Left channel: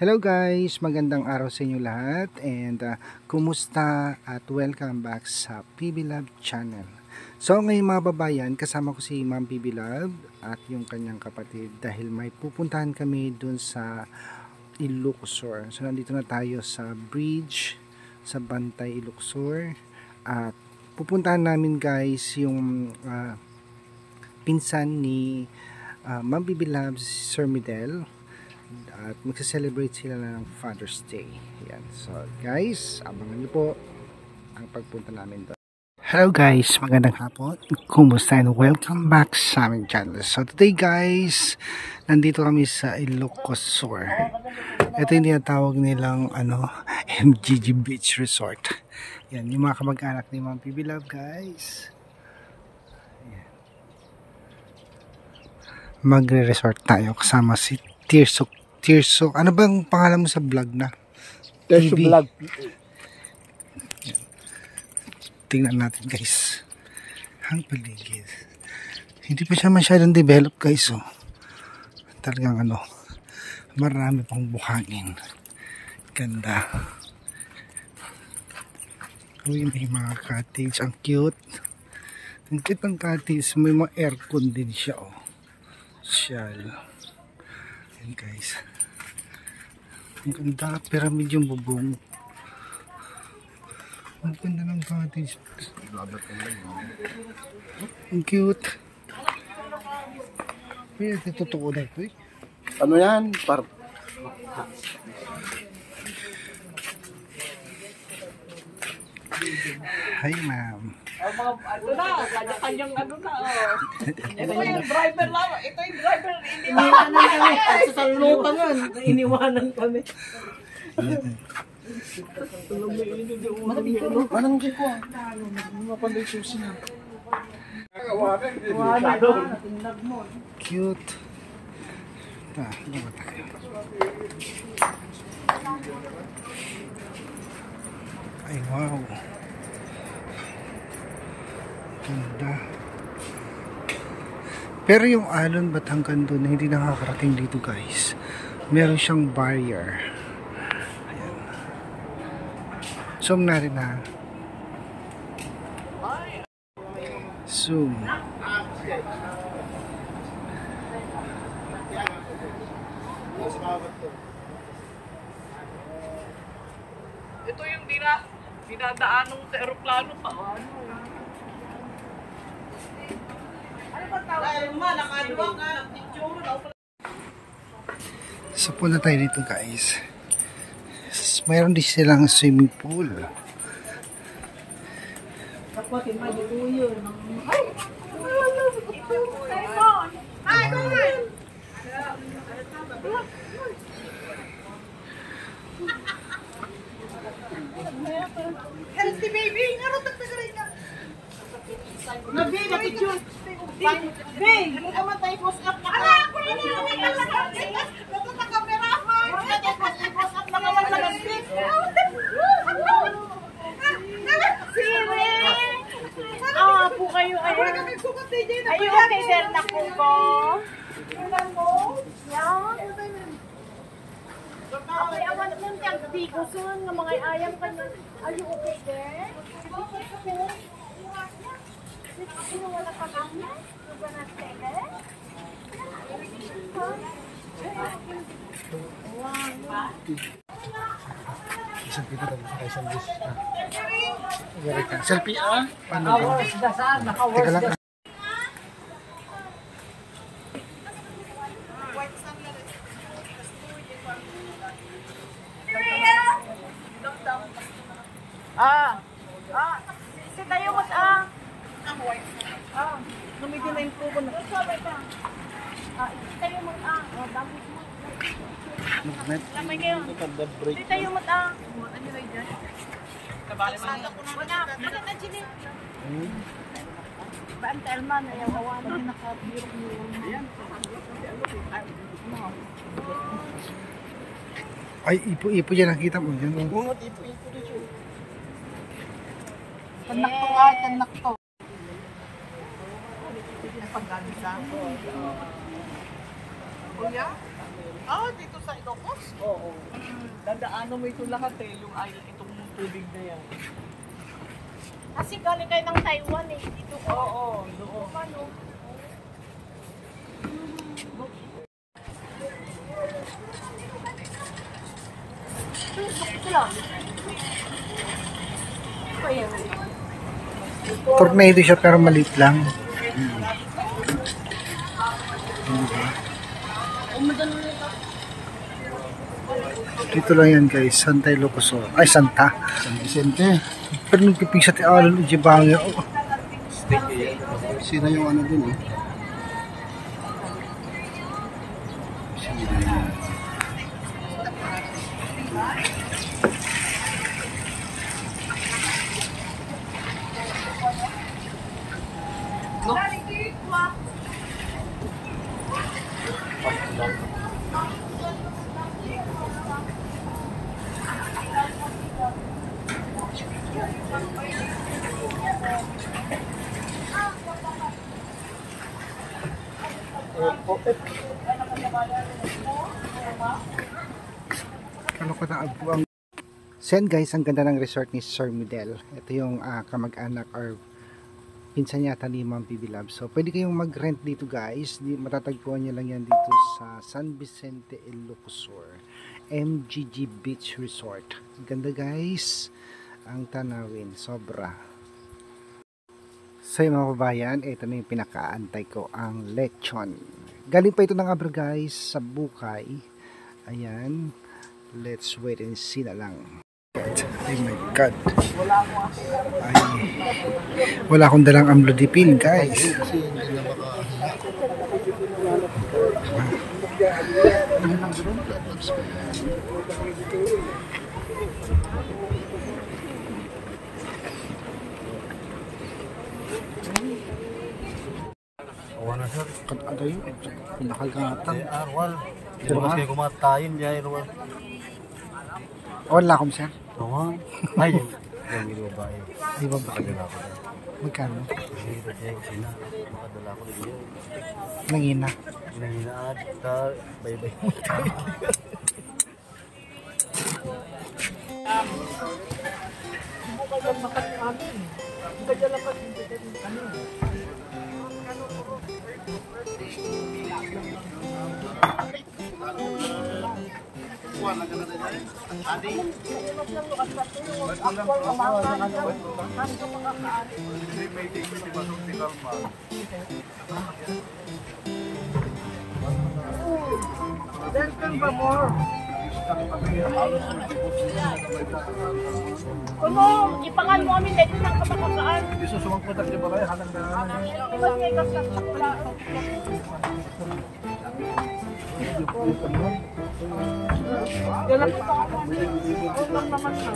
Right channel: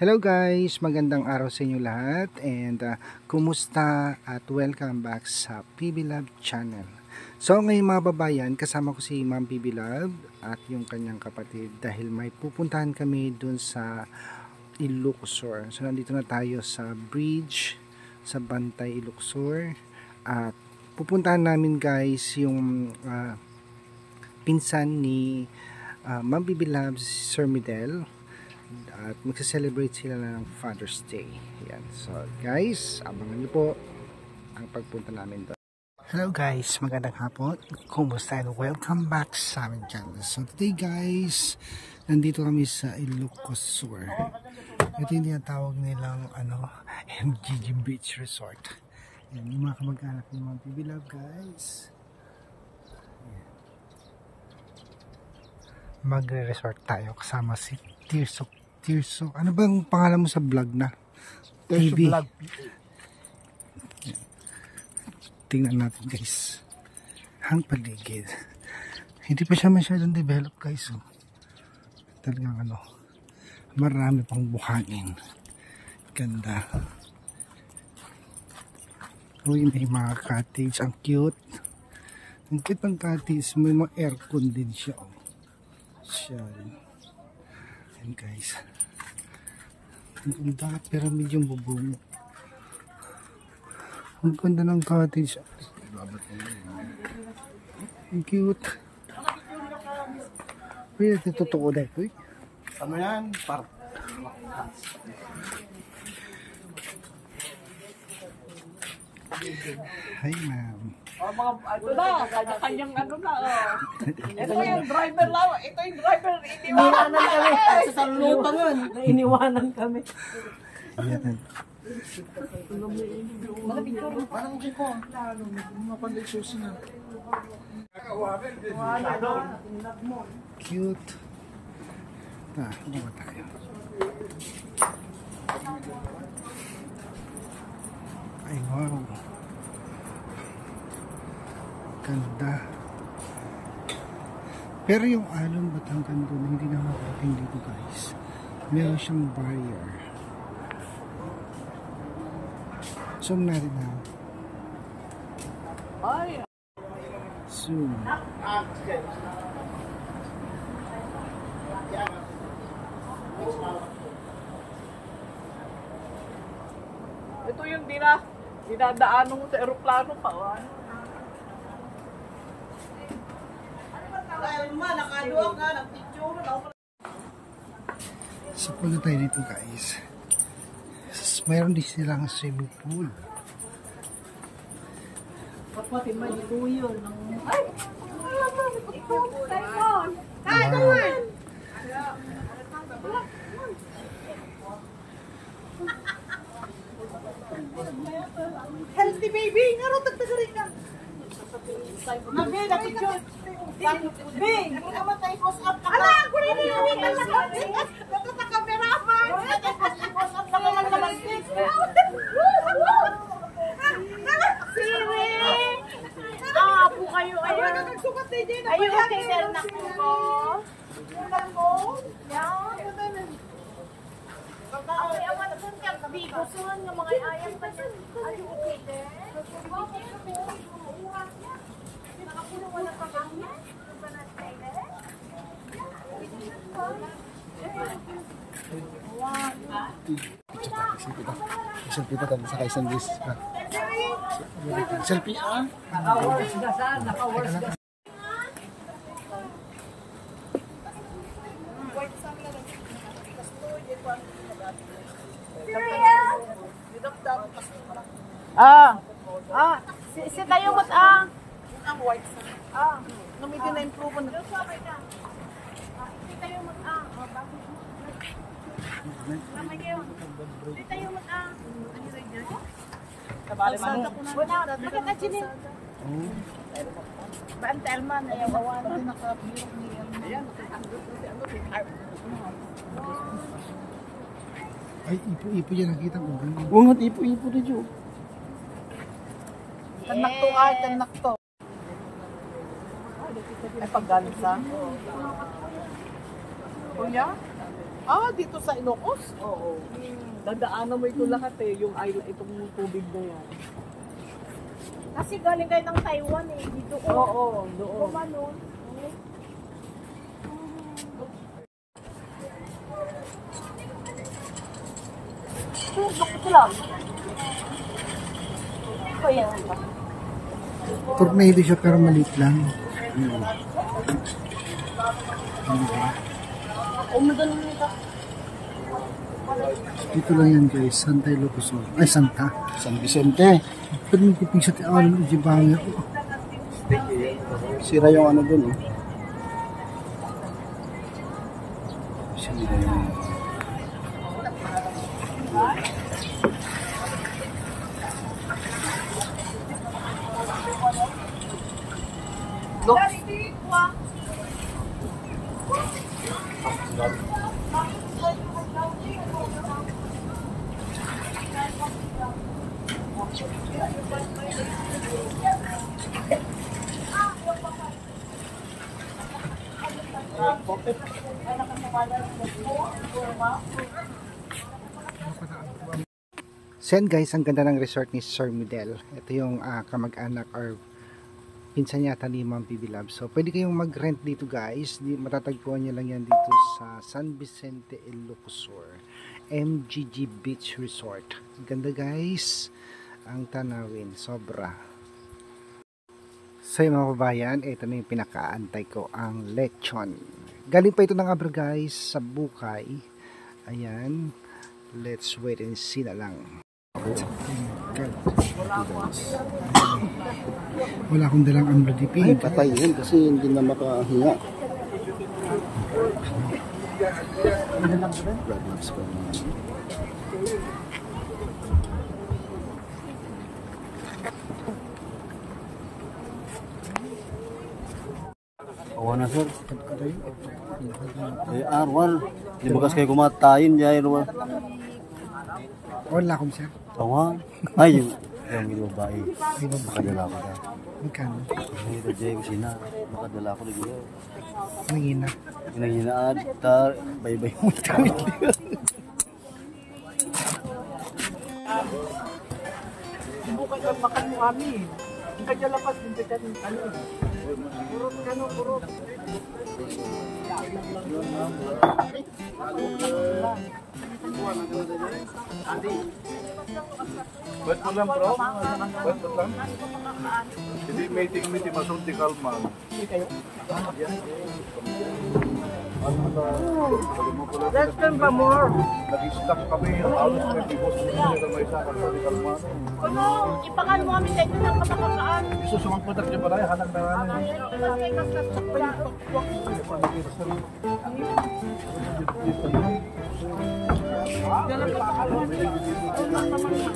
Hello guys, magandang araw sa inyo lahat and kumusta at welcome back sa PB Love channel. So ngayon mga babayan, kasama ko si Ma'am PB Love at yung kanyang kapatid dahil may pupuntahan kami dun sa Ilocos. So nandito na tayo sa bridge sa Bantay, Ilocos at pupuntahan namin guys yung pinsan ni Ma'am PB Love, Sir Midel. At magsa-celebrate sila ng Father's Day. Yan. So guys, abangan niyo po ang pagpunta namin doon. Hello guys, magandang hapon. Kumusta and welcome back sa aming channel. So today guys, nandito kami sa Ilocos Sur. Ito yung tinatawag nilang MGG Beach Resort. Yan, yung mga kamag-anak ni Ma'am PB Love guys. Yan. Magre-resort tayo kasama si Tirso. Ano bang pangalan mo sa vlog na? Tirso Vlog. Tingnan natin guys. Ang paligid. Hindi pa siya masyadong develop guys. Oh. Talagang marami pang buhangin. Ganda. Uy, may mga cottage. Ang cute. Ang cute ng cottage. May mga aircon din siya. Oh. Social. Ayan guys. Ang ganda, pyramid yung bubong. Ang ganda ng cottage. Ang cute. Uy, ito totoo na ito eh. Ano yan? Hi ma'am. Kanya-kanyang na. Ito yung driver lang. Ito yung driver. Iniwanan kami. Sa salupangan. Iniwanan kami. Anong dyan ko? Mapanday susi na. Cute. Dalawa tayo. Ay wow. Ganda. Pero yung alon ba't hanggang doon hindi nakakarating dito guys. Meron siyang barrier. Ayan. Zoom natin ha. Zoom. Ito yung dinadaanan mo sa aeroplano pa. So punta tayo dito guys. Mayroon din silang swimming pool. Kapwatin magituyo. Ay! Hi, Gwen! Healthy baby! Naroon tagtagarin ka! Nabi, napicture. Bing, yung kamatay post up na ka. Ala! Kunin na yung naglalagay! Nato sa camera man! Post up na ka lang malastik. Siri! Po kayo. Are you okay there na po ko? Baka awan ng tiyang bikusun ng mga ayam ka dyan. Are you okay there? Isang pito tayo sa isang bis. Selfie Naka-worst na saan? Naka-worst na. Si tayo mo numiti na improve na. Si tayo mo lamay kayo. Si tayo mo ano ba dyan? Kabali man mo. Wala, bakit na dyan eh? Ba ang terman, ayaw-awan. Hindi nakabirok niya. Ay, ipo dyan nakita mo dyan. Bungot ipo dito. Tanak to. Ay, paggansa. Kuya? Dito sa Ilocos? Oo. Dadaanan mo ito lahat eh, yung itong tubig na yan. Kasi galing kayo ng Taiwan eh. Dito ko. Oo, doon. Ano? Ito lang. Tornado siya pero maliit lang. Dito lang yan guys, Santa Ilocos. Ay, Santa. San Vicente. Pero nagpipig sa tialan, ujibangyo. Sira yung ano dun eh. Ano ko na ang... So yan guys, ang ganda ng resort ni Sir Midel. Ito yung kamag-anak or pinsan yata ni Ma'am PB Love. So pwede kayong mag-rent dito guys. Matatagpuan nyo lang yan dito sa San Vicente, Ilocos Sur. MGG Beach Resort. Ganda guys. Ang tanawin, sobra. So yung mga kabayan, ito na yung pinakaantay ko, ang lechon. Galing pa ito ng Abra guys, sa Bukay. Ayan. Let's wait and see na lang. Oh my God. Ay, wala akong dalang amlodipine guys. Kasi hindi na makahinga. Oo na sir. Ano yun? Nakagatan. Arwal. Di ba kayo kumatayin niya Arwal? Wala akong sir. Oo. Ay, yung babae. Ay babae. Kadala ko na. Magkano? Hindi diyan sina. Makadala ko niyo. Nangina. Nanginaan ta bye-bye mo. Hindi ka lang makan mo kami. Hindi ka dyan lakas, hindi ka dyan ano. Welcome pa more. Ano? Ipangan mo kami dito ng kapakakaan. Mas may kakasakla. Dala ka pa kami. Ulang naman na.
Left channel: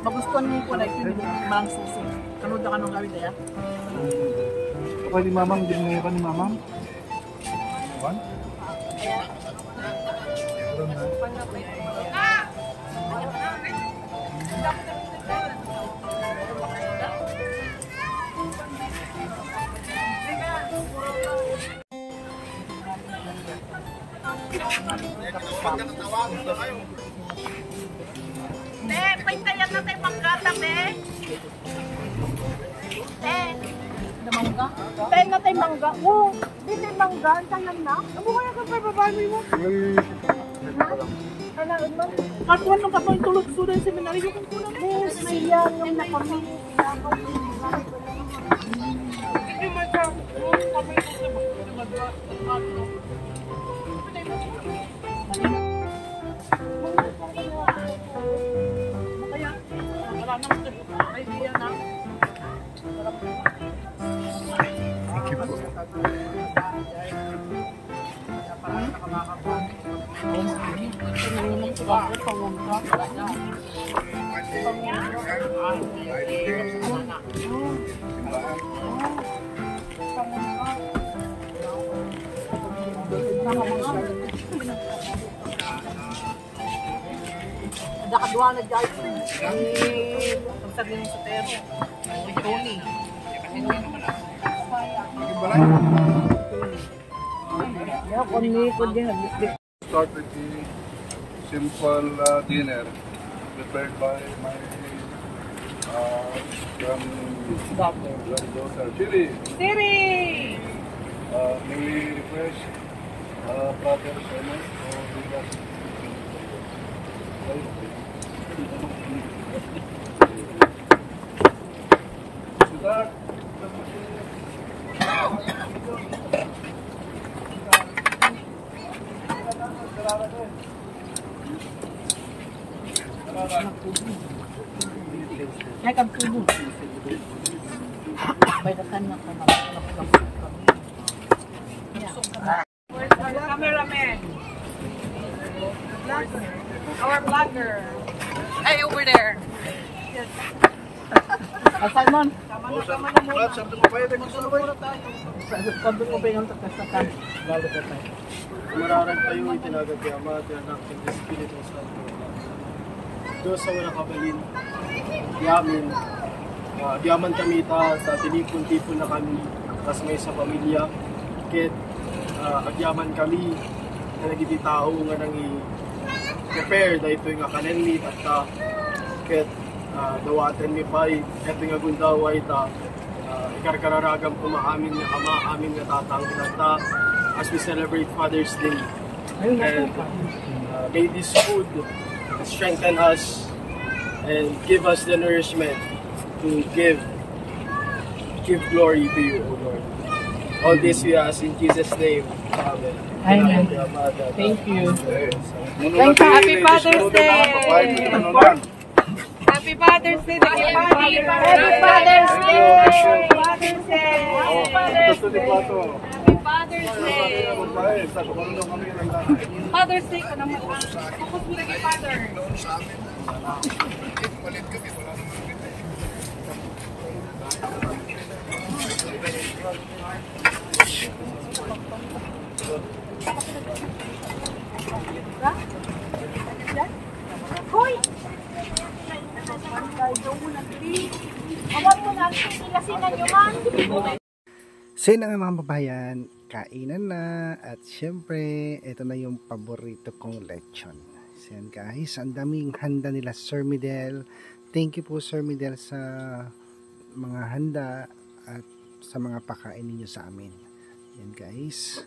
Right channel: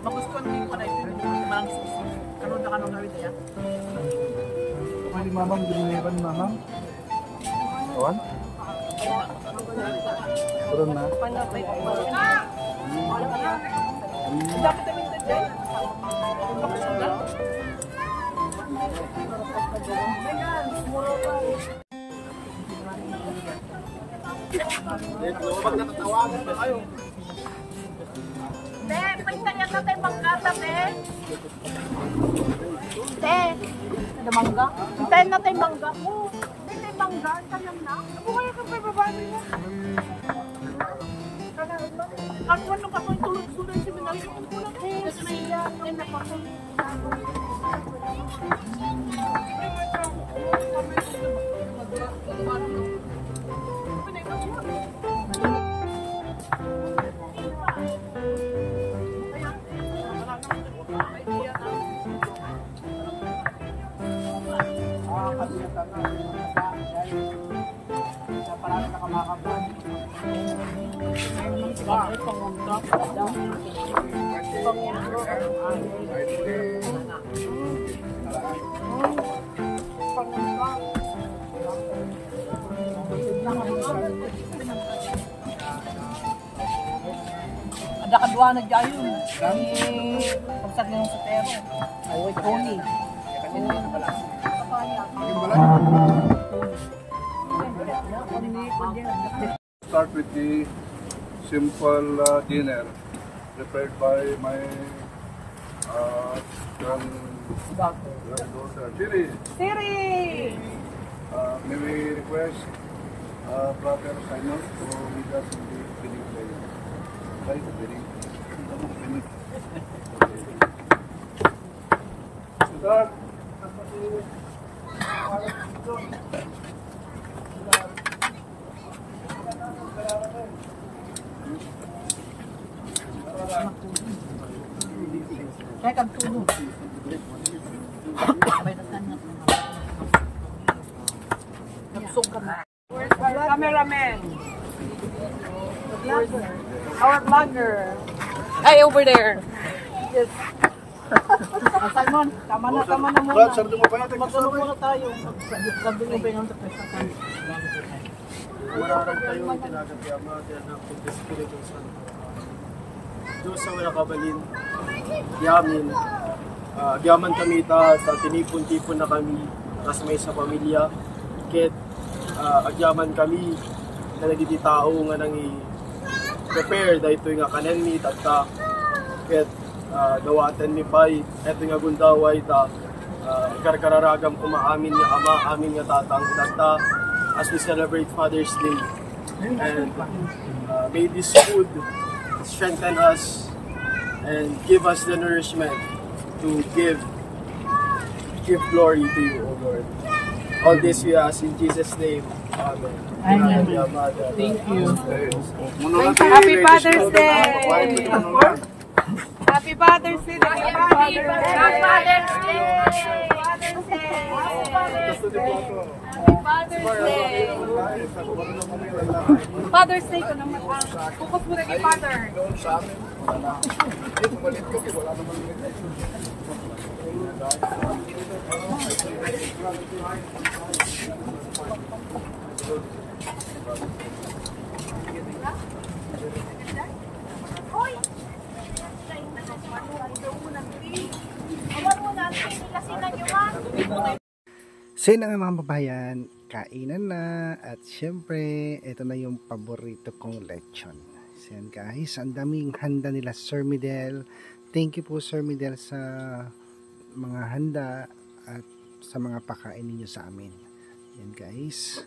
Magustuhan mo pala ito yung mga susi. Sumunod ka nung gawin kaya? Pwede ni mamang, hindi mo ni mamang? Kawan? Turun na. Te, pintayan na tayo mangkata, te. Te. Ada mangga? Pintayan na tayo mangga. Oh, hindi tayo mangga. Tanan na. Ano ka na kayo babae mo? Kakuan ng kakuan tulog student seminary yung tulog. Yes, siya. Ay, nakami. Nakadwa na dyan yun. Pagsag na yung super. Oo, Tony. Start with the simple dinner prepared by my granddaughter, Chili. Siri! May we request Brother Simon to lead us in the opening prayer. Tayo, opening. Opening. Start. Kaya kang tulog. Baydatan na ka na. Nabusog ka na. Where's our cameraman? Our vlogger. Ay, over there. Simon, tama na muna. Brad, sardo mo pa yun. Magkano muna tayo. Sabi mo ba yung takasatan? Lalo ka tayo. Mararang tayo itinagat ni Ama, tinanak ng Espiritu Santo. Diyos sa wala kabalin, yamin, yaman kami ta tinipon-tipon na kami, kasamay sa pamilya, ket agyaman kami, na nagiti tao nga nang i-prepare, dahil ito nga kanan mi, at ket dawatan mi pa'y, eto nga gundaway ta, ikarkararagam kumaamin nga Ama, amin nga tatang itata, as we celebrate Father's Day. And may this food strengthen us and give us the nourishment to give glory to you, O Lord. All this we ask in Jesus' name. Amen. Thank you. Happy Father's Day! Happy Father's Day! Happy Father's Day! Father's Day! Father's Day! Father's Day! Father's Day ko naman. Focus mo na kay Father. Hoy! Awag mo na, kasi na nyo man. So yun na nga mga babayan, kainan na at syempre ito na yung paborito kong lechon. So yan guys, ang daming handa nila Sir Midel. Thank you po Sir Midel sa mga handa at sa mga pakain ninyo sa amin. Yan guys.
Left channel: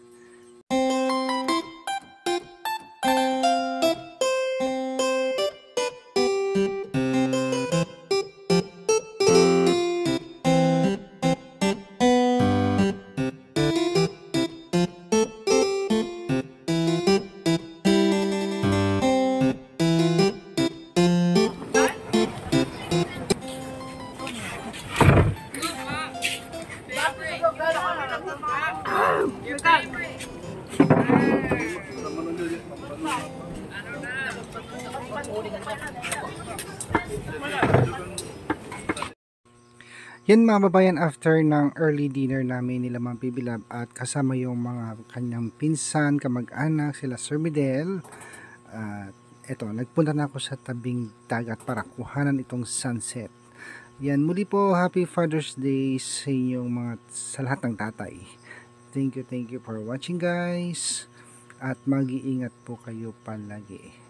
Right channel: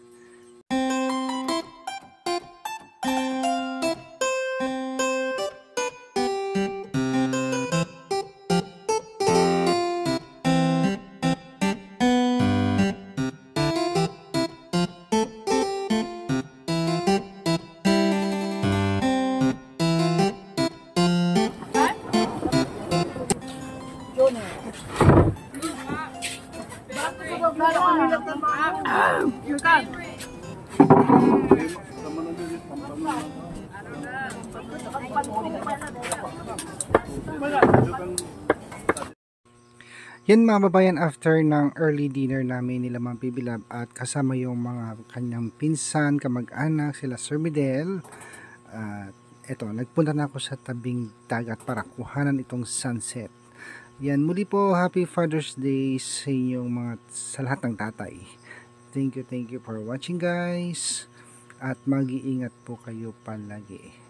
Yan mga babayan, after ng early dinner namin nila Ma'am Bibilab at kasama yung mga kanyang pinsan, kamag-anak, sila Sir Midel. Eto, nagpunta na ako sa tabing dagat para kuhanan itong sunset. Yan, muli po, Happy Father's Day sa inyong mga, sa lahat ng tatay. Thank you for watching guys. At mag-iingat po kayo palagi.